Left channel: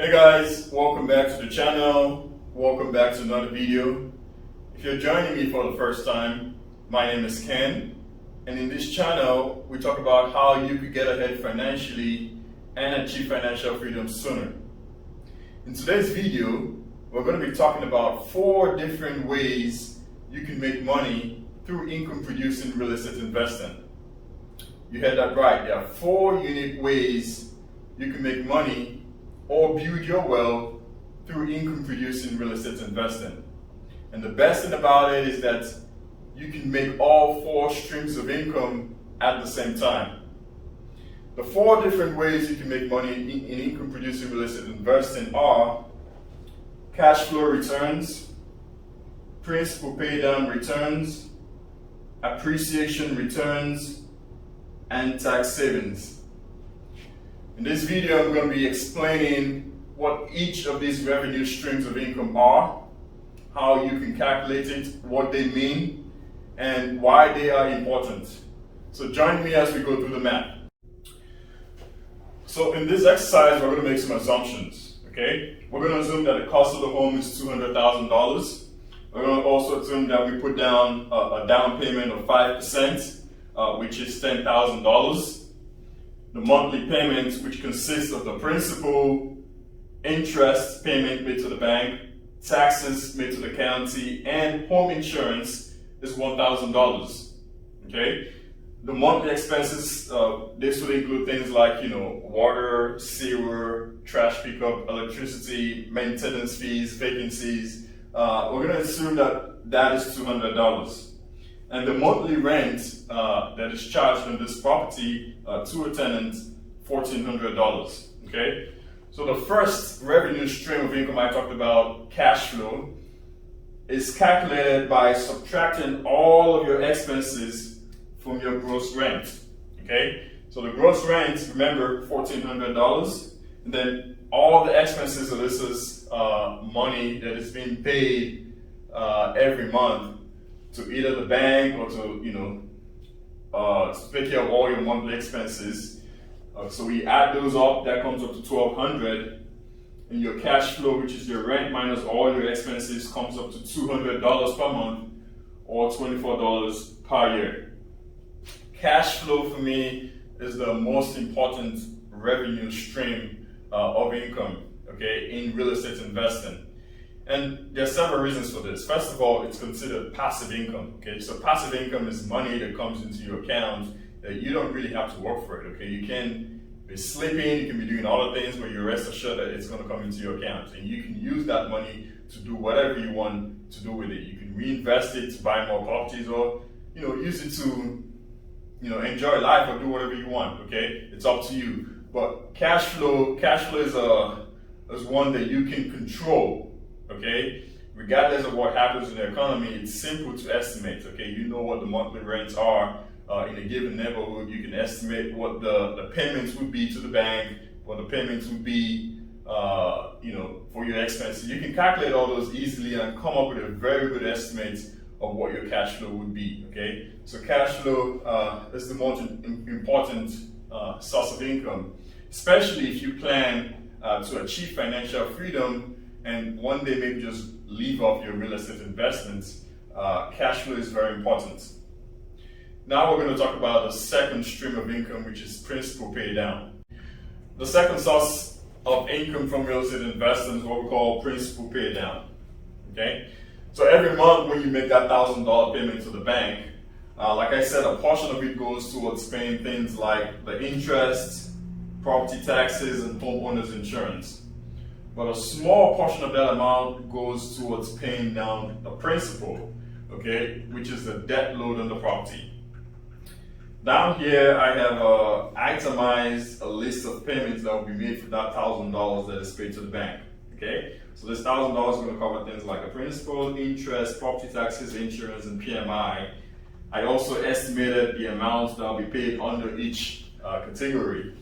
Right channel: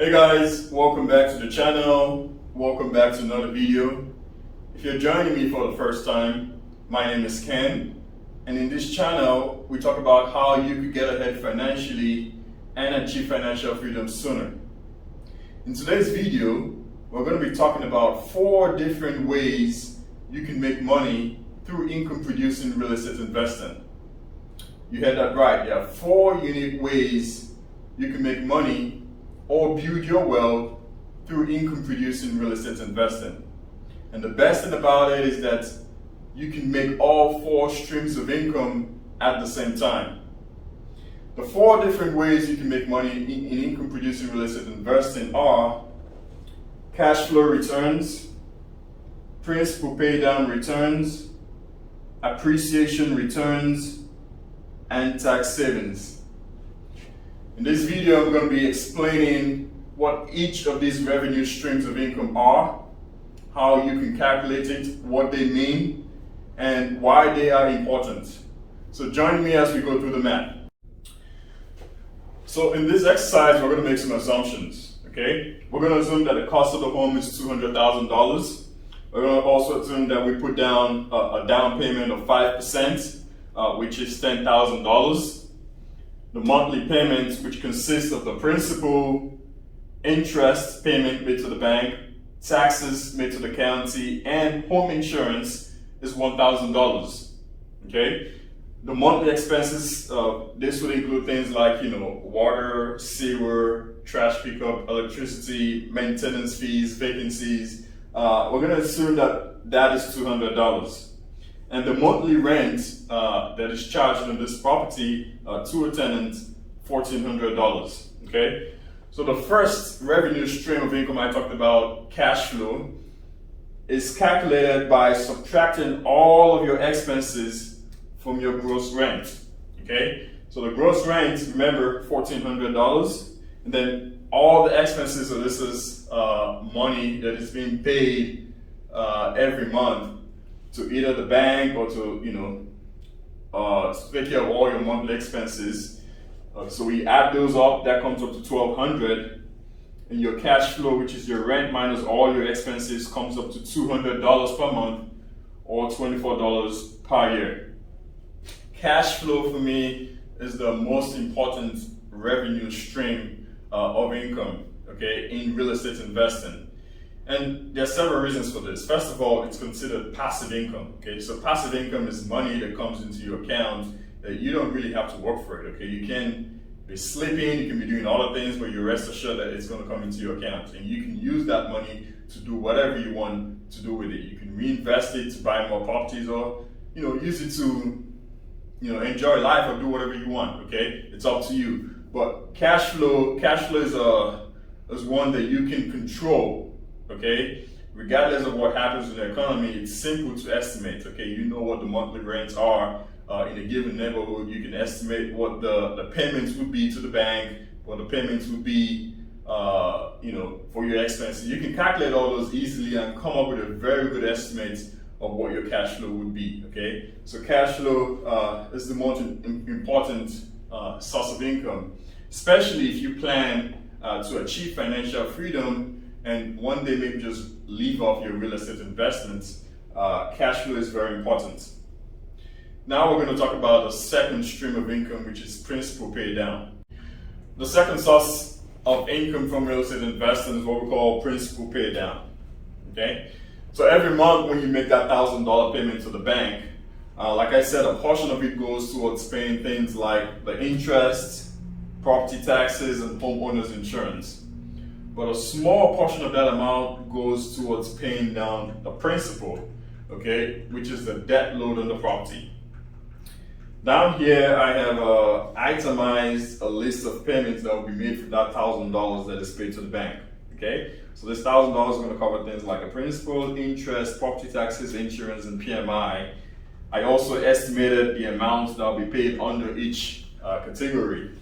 Hey guys, welcome back to the channel. Welcome back to another video. If you're joining me for the first time, my name is Ken, and in this channel we talk about how you could get ahead financially and achieve financial freedom sooner. In today's video, we're going to be talking about 4 different ways you can make money through income producing real estate investing. You heard that right. There are 4 unique ways you can make money or build your wealth through income producing real estate investing. And the best thing about it is that you can make all 4 streams of income at the same time. The 4 different ways you can make money in income producing real estate investing are cash flow returns, principal pay down returns, appreciation returns, and tax savings. In this video, I'm going to be explaining what each of these revenue streams of income are, how you can calculate it, what they mean, and why they are important. So join me as we go through the math. So in this exercise, we're going to make some assumptions, okay? We're going to assume that the cost of the home is $200,000. We're going to also assume that we put down a down payment of 5%, which is $10,000. The monthly payment, which consists of the principal, interest payment made to the bank, taxes made to the county, and home insurance is $1,000. Okay? The monthly expenses, this would include things like, water, sewer, trash pickup, electricity, maintenance fees, vacancies. We're going to assume that that is $200. And the monthly rent that is charged on this property to a tenant, $1,400. Okay? So the first revenue stream of income I talked about, cash flow, is calculated by subtracting all of your expenses from your gross rent. Okay? So the gross rent, remember, $1,400, and then all the expenses, so this is money that is being paid every month to either the bank or to, take care of all your monthly expenses. So we add those up, that comes up to $1,200. And your cash flow, which is your rent minus all your expenses, comes up to $200 per month or $24 per year. Cash flow for me is the most important revenue stream of income, okay, in real estate investing. And there are several reasons for this. First of all, it's considered passive income. Okay, so passive income is money that comes into your account that you don't really have to work for it. Okay, you can be sleeping, you can be doing other things, but you rest assured that it's going to come into your account, and you can use that money to do whatever you want to do with it. You can reinvest it to buy more properties, or use it to enjoy life or do whatever you want. Okay, it's up to you. But cash flow is one that you can control. Okay, regardless of what happens in the economy, it's simple to estimate. Okay, you know what the monthly rents are in a given neighborhood. You can estimate what the payments would be to the bank, what the payments would be, for your expenses. You can calculate all those easily and come up with a very good estimate of what your cash flow would be. Okay, so cash flow is the most important source of income, especially if you plan to achieve financial freedom and one day maybe just leave off your real estate investments. Cash flow is very important. Now we're going to talk about the second stream of income, which is principal pay down. The second source of income from real estate investing is what we call principal pay down. Okay, so every month when you make that $1,000 payment to the bank, like I said, a portion of it goes towards paying things like the interest, property taxes, and homeowners insurance. But a small portion of that amount goes towards paying down the principal, okay, which is the debt load on the property. Down here, I have itemized a list of payments that will be made for that $1,000 that is paid to the bank, okay? So this $1,000 is going to cover things like the principal, interest, property taxes, insurance, and PMI. I also estimated the amounts that will be paid under each category.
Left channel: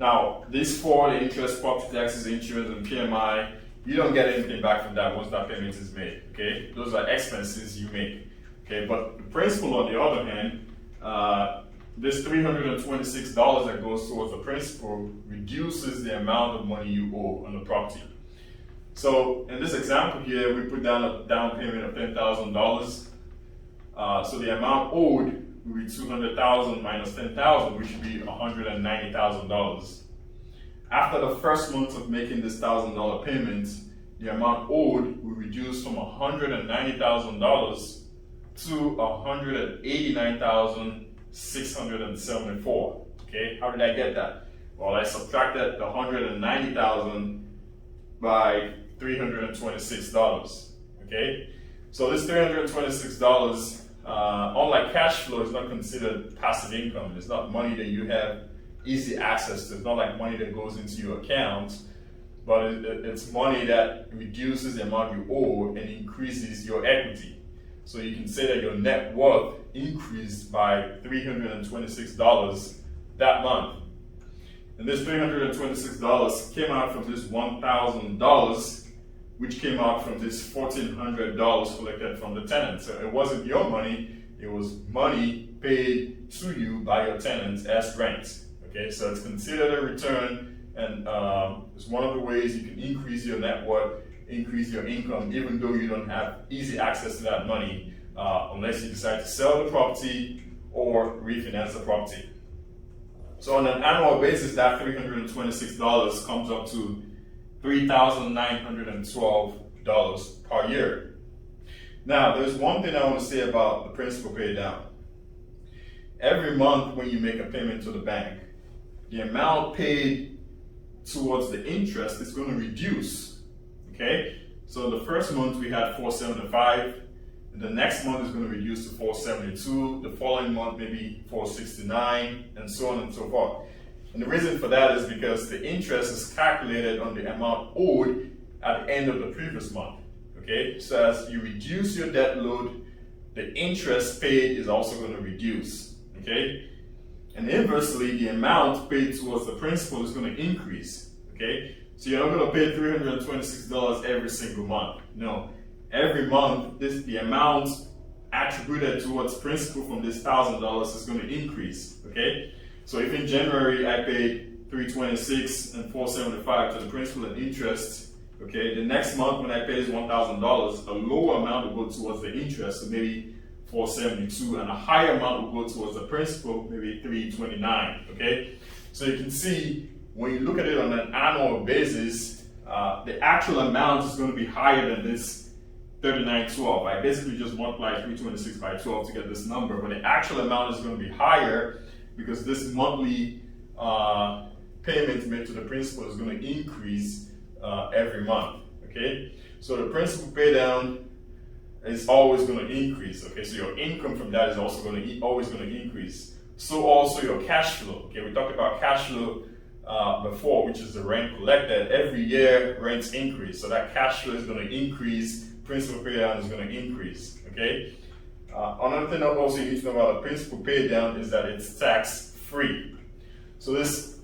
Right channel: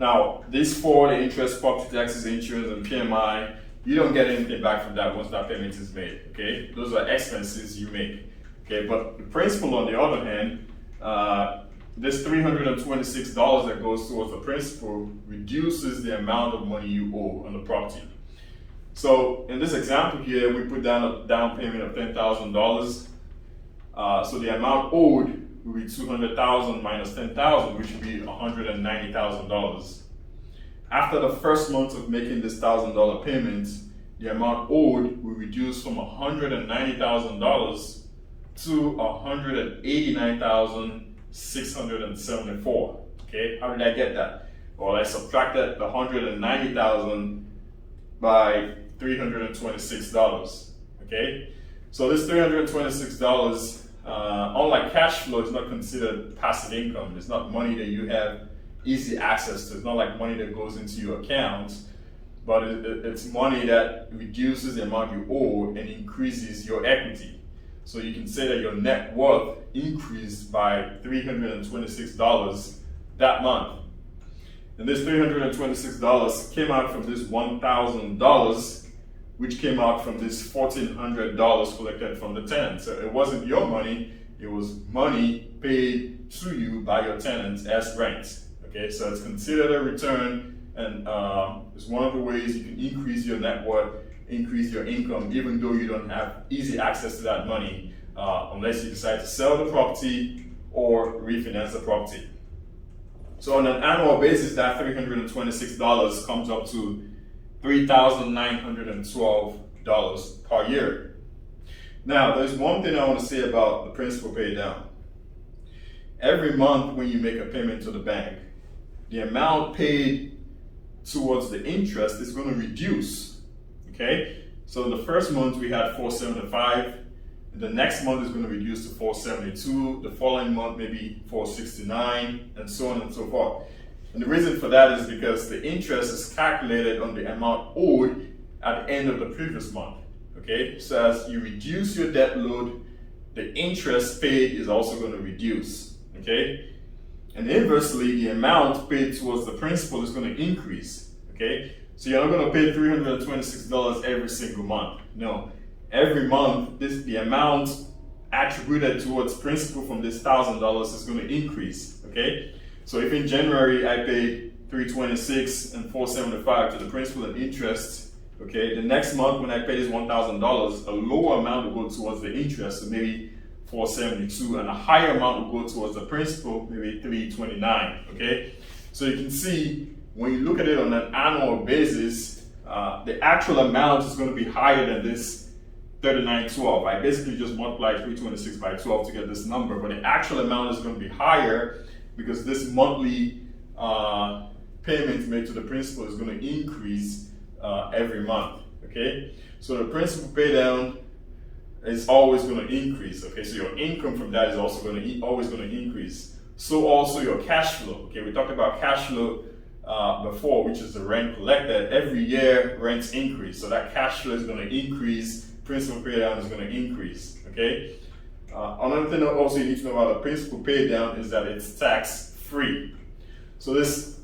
Now, these 4, the interest, property taxes, insurance, and PMI, you don't get anything back from that once that payment is made, okay? Those are expenses you make, okay? But the principal, on the other hand, this $326 that goes towards the principal reduces the amount of money you owe on the property. So in this example here, we put down a down payment of $10,000. So the amount owed will be $200,000 minus $10,000, which would be $190,000. After the first month of making this $1,000 payment, the amount owed will reduce from $190,000 to $189,674. Okay, how did I get that? Well, I subtracted the $190,000 by $326. Okay, so this $326, unlike cash flow, is not considered passive income. It's not money that you have easy access to. It's not like money that goes into your account, but it's money that reduces the amount you owe and increases your equity. So you can say that your net worth increased by $326 that month. And this $326 came out from this $1,000, which came out from this $1,400 collected from the tenant. So it wasn't your money, it was money paid to you by your tenants as rent. Okay, so it's considered a return, and it's one of the ways you can increase your net worth, increase your income, even though you don't have easy access to that money, unless you decide to sell the property or refinance the property. So on an annual basis, that $326 comes up to $3,912 per year. Now, there's one thing I want to say about the principal pay down. Every month when you make a payment to the bank, the amount paid towards the interest is going to reduce. Okay, so in the first month we had $475, the next month is going to reduce to $472, the following month maybe $469, and so on and so forth. And the reason for that is because the interest is calculated on the amount owed at the end of the previous month. Okay, so as you reduce your debt load, the interest paid is also going to reduce. Okay, and inversely, the amount paid towards the principal is going to increase. Okay, so you're not going to pay $326 every single month. No, every month, the amount attributed towards principal from this $1,000 is going to increase. Okay, so if in January I paid $326 and $475 to the principal and interest, okay, the next month when I pay this $1,000, a lower amount will go towards the interest, so maybe $472, and a higher amount will go towards the principal, maybe $329. Okay, so you can see when you look at it on an annual basis, the actual amount is going to be higher than this $39.12. I basically just multiplied 326 by 12 to get this number, but the actual amount is going to be higher because this monthly payment made to the principal is going to increase every month. Okay, so the principal pay down is always going to increase. Okay, so your income from that is also going to always going to increase. So also your cash flow. Okay, we talked about cash flow before, which is the rent collected. Every year rents increase, so that cash flow is going to increase. Principal pay down is going to increase. Okay, another thing that also you need to know about a principal pay down is that it's tax free. So this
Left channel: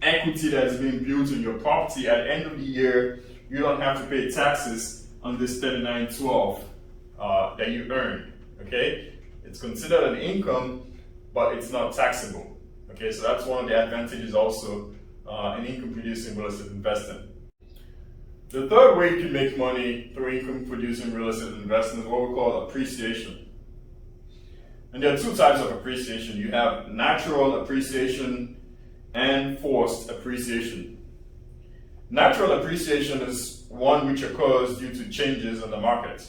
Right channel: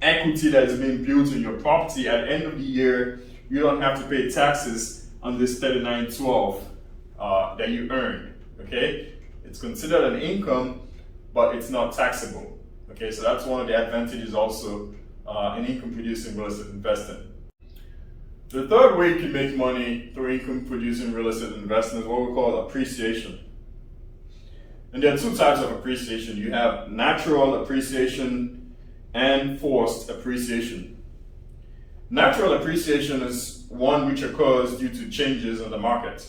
equity that is being built in your property, at the end of the year, you don't have to pay taxes on this $39.12 that you earned. Okay, it's considered an income, but it's not taxable. Okay, so that's one of the advantages also in income producing real estate investing. The third way you can make money through income producing real estate investing is what we call appreciation. And there are two types of appreciation. You have natural appreciation and forced appreciation. Natural appreciation is one which occurs due to changes in the market.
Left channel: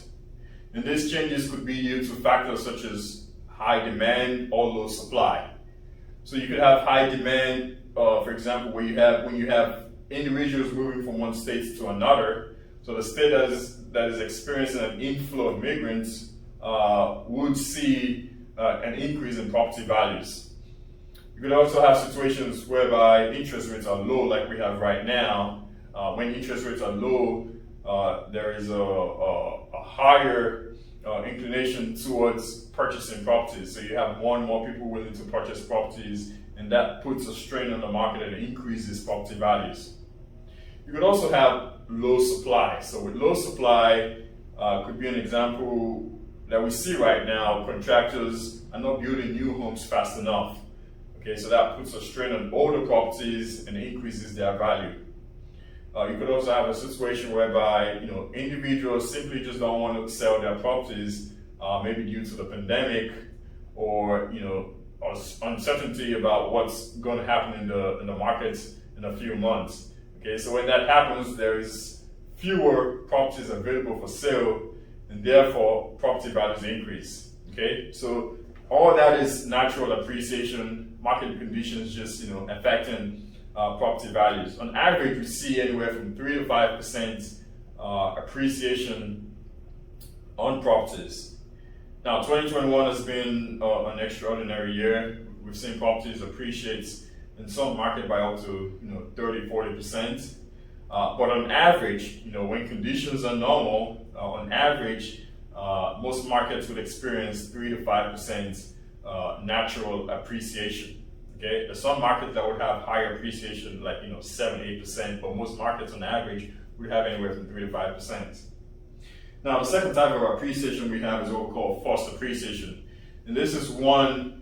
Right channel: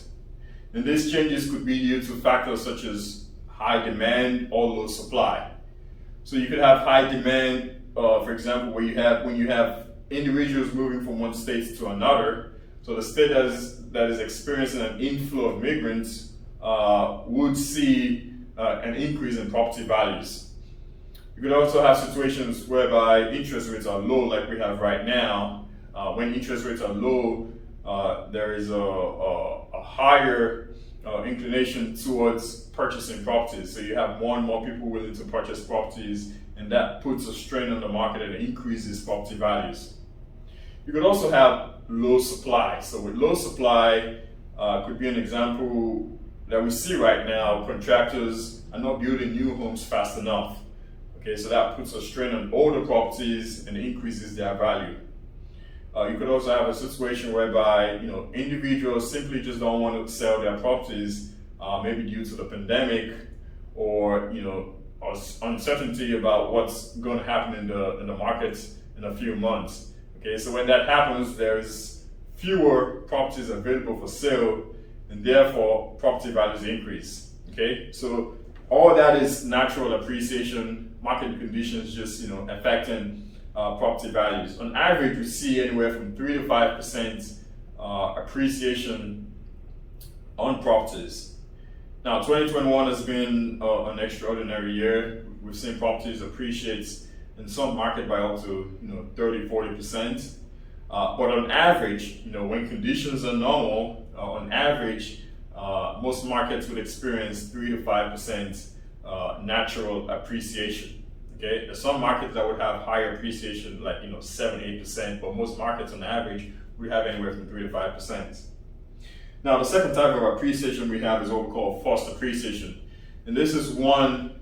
And these changes could be due to factors such as high demand or low supply. So you could have high demand, for example, when you have individuals moving from one state to another. So the state that is experiencing an inflow of migrants would see an increase in property values. You could also have situations whereby interest rates are low, like we have right now. When interest rates are low, there is a higher inclination towards purchasing properties. So you have more and more people willing to purchase properties, and that puts a strain on the market and increases property values. You could also have low supply. So with low supply, could be an example that we see right now. Contractors are not building new homes fast enough. Okay, so that puts a strain on older properties and increases their value. You could also have a situation whereby individuals simply just don't want to sell their properties, maybe due to the pandemic or uncertainty about what's going to happen in the markets in a few months. Okay, so when that happens, there's fewer properties available for sale, and therefore property values increase. Okay, so all that is natural appreciation, market conditions just affecting property values. On average, we see anywhere from 3 to 5% appreciation on properties. Now, 2021 has been an extraordinary year. We've seen properties appreciate in some market by up to 30-40%. But on average, when conditions are normal, on average, most markets would experience 3 to 5% natural appreciation. Okay, there's some markets that would have higher appreciation, like 7-8%, but most markets on average would have anywhere from 3 to 5%. Now, the second type of appreciation we have is what we call forced appreciation, and this is one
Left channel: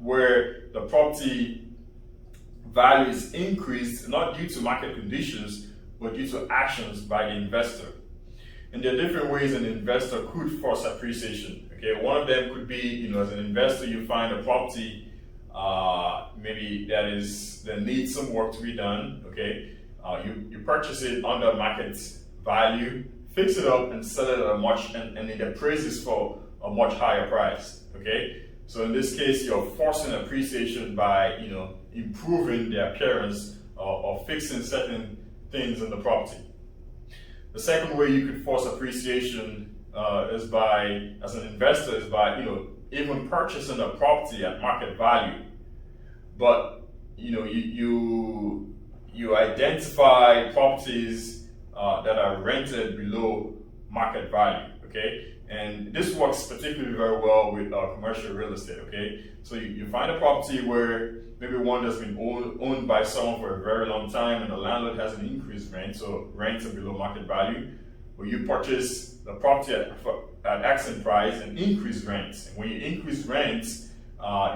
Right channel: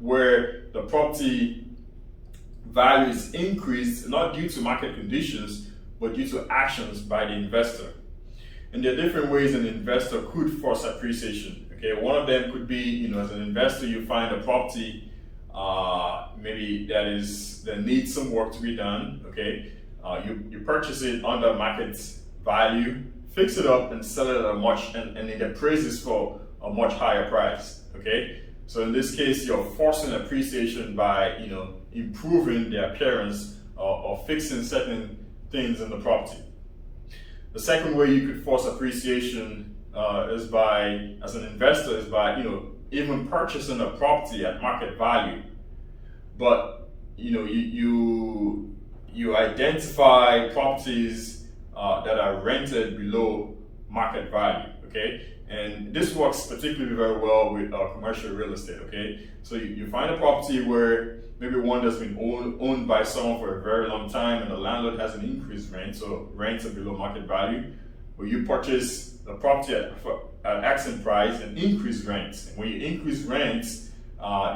where the property value is increased not due to market conditions, but due to actions by the investor. And there are different ways an investor could force appreciation. Okay, one of them could be, as an investor, you find a property maybe that needs some work to be done. Okay, you purchase it under market value, fix it up, and sell it at and it appraises for a much higher price. Okay, so in this case, you're forcing appreciation by improving the appearance or fixing certain things in the property. The second way you could force appreciation as an investor is by even purchasing a property at market value, but you identify properties that are rented below market value. Okay, and this works particularly very well with commercial real estate. Okay, so you find a property where maybe one that's been owned by someone for a very long time, and the landlord has an increased rent, so rents are below market value. But you purchase the property at asking price and increase rents. And when you increase rents,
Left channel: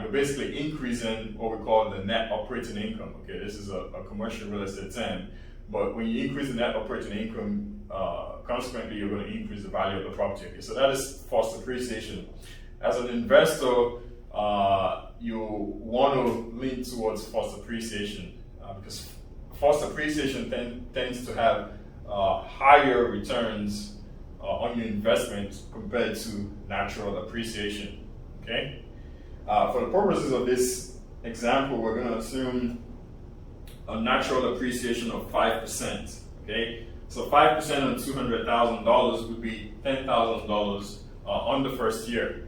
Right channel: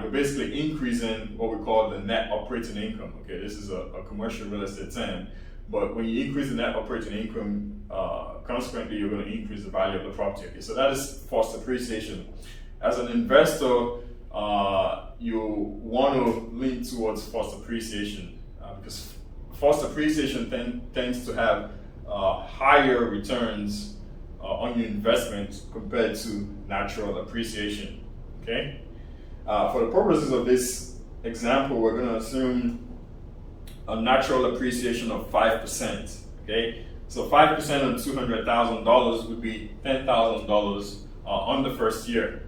you're basically increasing what we call the net operating income. Okay, this is a commercial real estate term. But when you increase the net operating income, consequently, you're going to increase the value of the property. Okay, so that is forced appreciation. As an investor, you want to lean towards forced appreciation because forced appreciation tends to have higher returns on your investment compared to natural appreciation. Okay, for the purposes of this example, we're going to assume a natural appreciation of 5%. Okay, so 5% on $200,000 would be $10,000 on the first year.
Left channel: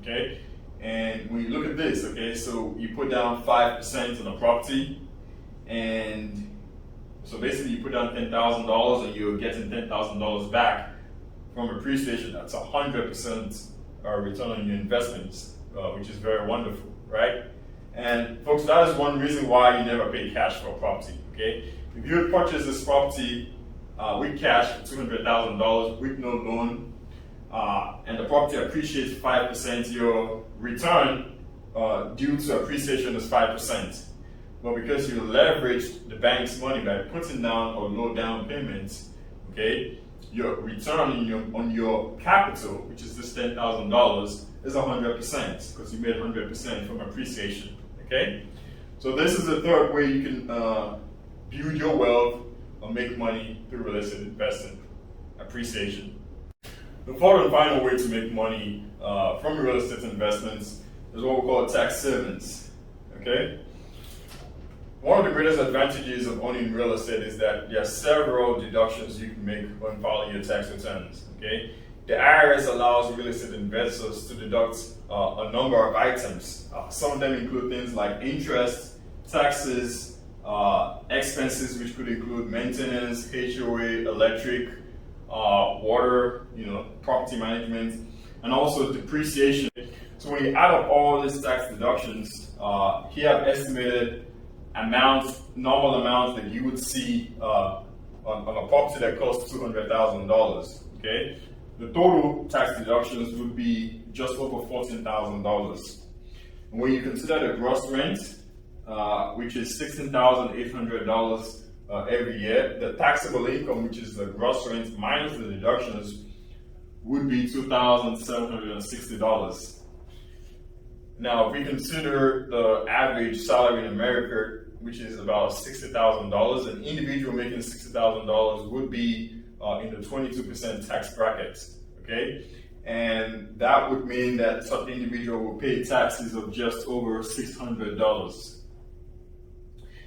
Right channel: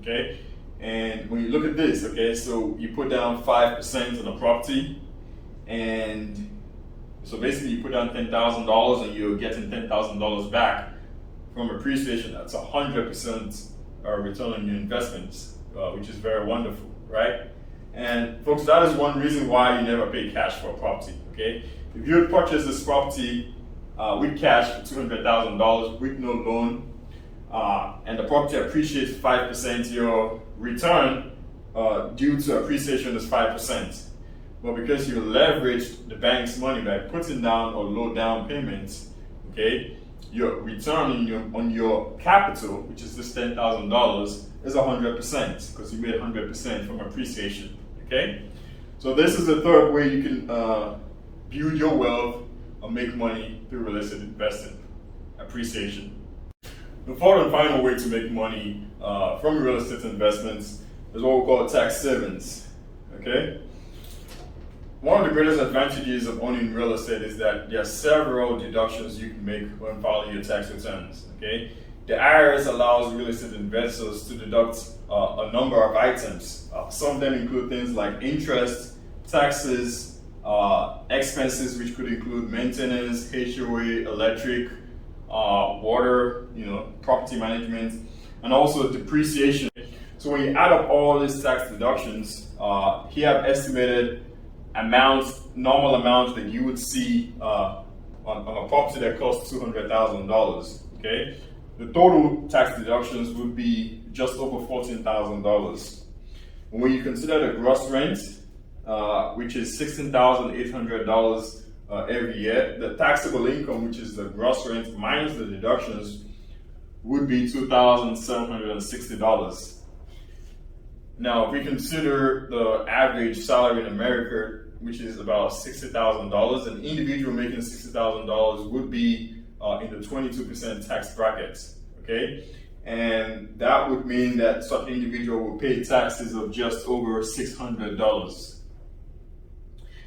Okay, and when you look at this, okay, so you put down 5% on a property, and so basically you put down $10,000 and you're getting $10,000 back from appreciation. That's 100% return on your investments, which is very wonderful, right? And folks, that is one reason why you never pay cash for a property. Okay, if you had purchased this property with cash for $200,000 with no loan, and the property appreciates 5%, your return due to appreciation is 5%. But because you leveraged the bank's money by putting down a low down payment, okay, your return on your capital, which is this $10,000, is 100% because you made 100% from appreciation. Okay, so this is the third way you can build your wealth or make money through real estate investing: appreciation. The fourth and final way to make money from real estate investments is what we call tax savings. Okay, one of the greatest advantages of owning real estate is that there are several deductions you can make when filing your tax returns. Okay, the IRS allows real estate investors to deduct a number of items. Some of them include things like interest, taxes, expenses, which could include maintenance, HOA, electric, water, property management, and also depreciation. So when you add up all these tax deductions, here I've estimated normal amounts that you would see on a property that costs $200,000. Okay, the total tax deductions would be just over $14,000. And when you consider the gross rent, which is $16,800 every year, the taxable income, which is the gross rent minus the deductions, would be $2,760. Now, if we consider the average salary in America, which is about $60,000, an individual making $60,000 would be in the 22% tax bracket, okay? And that would mean that such individual would pay taxes of just over $600.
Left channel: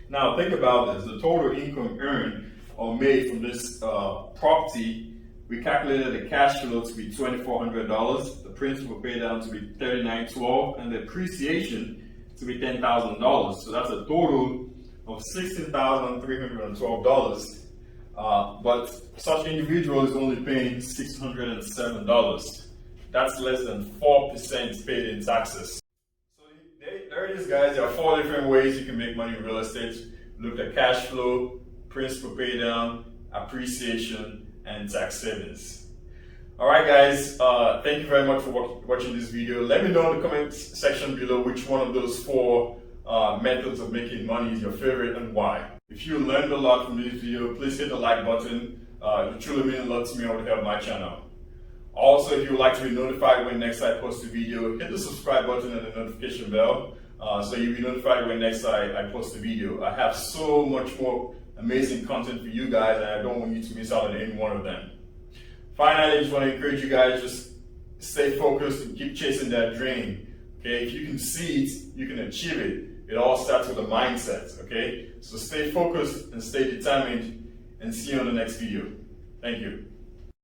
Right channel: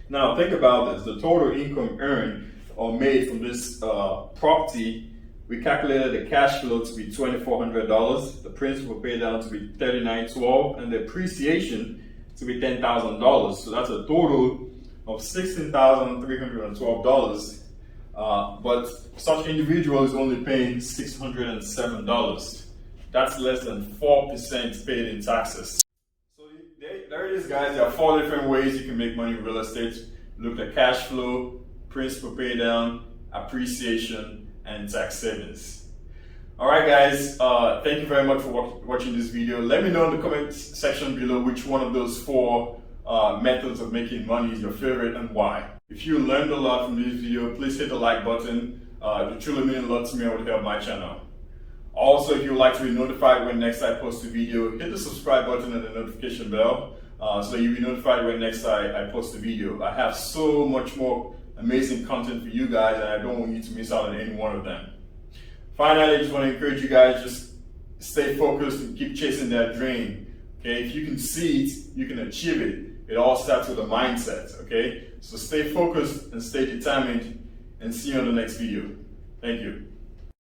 Now, think about this. The total income earned or made from this property, we calculated the cash flow to be $2,400, the principal pay down to be $39.12, and the depreciation to be $10,000. So that's a total of $16,312. But such individual is only paying $607. That's less than 4% paid in taxes. So there it is, guys. There are 4 different ways you can make money in real estate. Look at cash flow, principal pay down, appreciation, and tax savings. All right, guys, thank you very much for watching this video. Let me know in the comment section below which one of those 4 methods of making money is your favorite and why. If you learned a lot from this video, please hit the like button. It truly means a lot to me and would help my channel. Also, if you would like to be notified when next I post a video, hit the subscribe button and the notification bell so you'll be notified when next I post a video. I have so much more amazing content for you guys, and I don't want you to miss out on any one of them. Finally, I just want to encourage you guys, just stay focused and keep chasing that dream. Okay, if you can see it, you can achieve it. It all starts with a mindset, okay? So stay focused and stay determined, and see you on the next video. Thank you.